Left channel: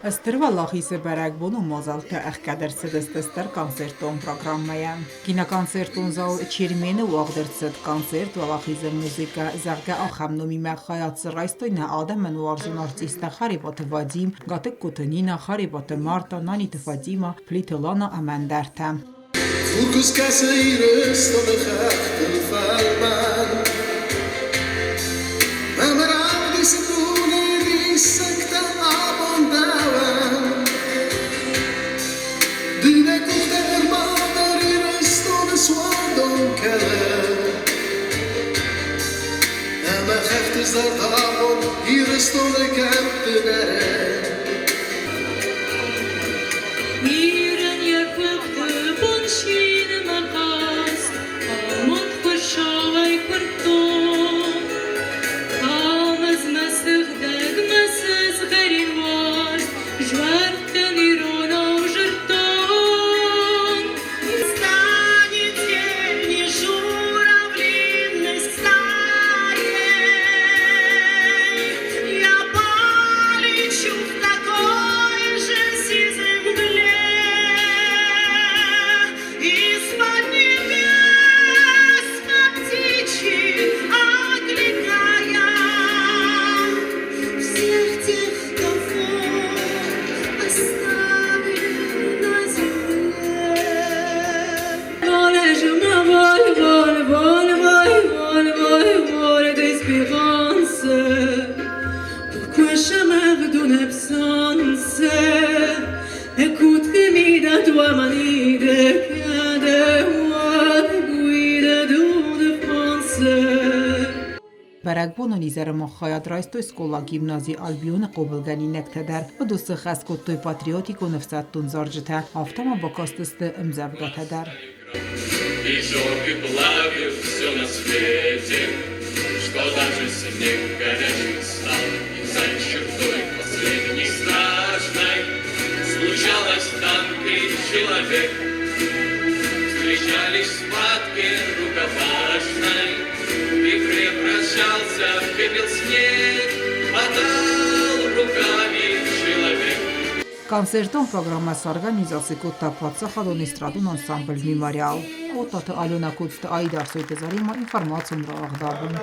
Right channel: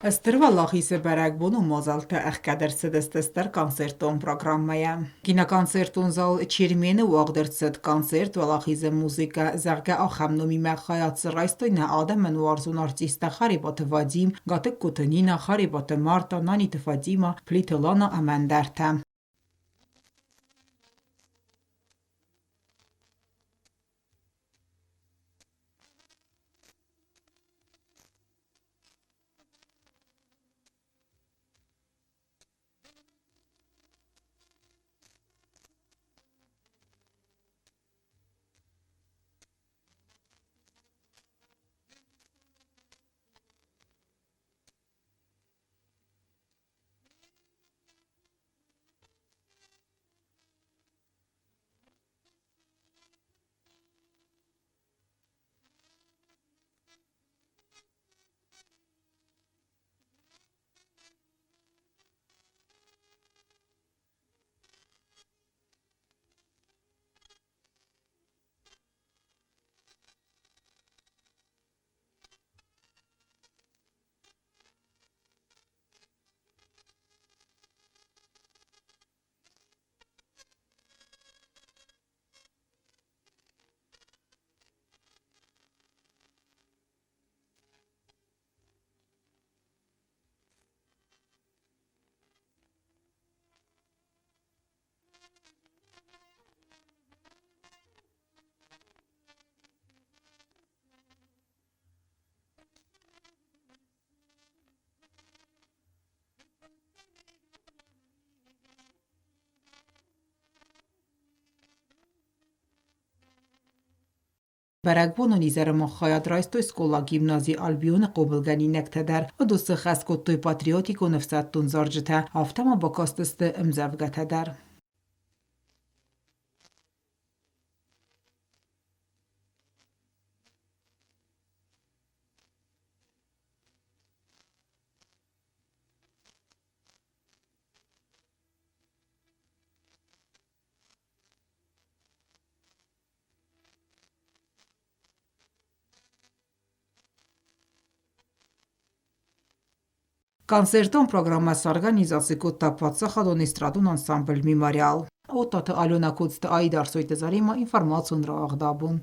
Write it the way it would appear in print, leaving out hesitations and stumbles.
Ըստ դրվա Լախիսը Բարագբուն ու Մոզալտը Աղկադրսդստստր կոնցերտոն պրոգրամմայա։ Կինոկոնցերտուն զալ Չիրմենը ու աղդրցդ կոնցերտ ու Լախիզը մուզիկա զարգա ախամնոմի մախայած սրայստոյնա Ադամն ու Արզուն արտիստա Խարիբոտը Վադիմ, Գատիկ Կուտնինա, Խարիբոտը Մարտա, Նանիտը Ֆադիմա, Փլիթոլանա Ամանդարտա։ Բարագբուն ունիզերը մոխայատրայստոյ սկոլա գիմնազի ալբիոնը կոբլգանի նեկտեդար, վդուսը խասկոտտոյ պատրիոտիկ ու նվսаттուն զորջթա, ավտամա բոկոստысты ымзавгатадар. Концертон программа организации Тапаца Хадон эстрадун ансамбль Мемориал. Отата Алена Куцта Айдар Сойтезарима информацию нравах дабун.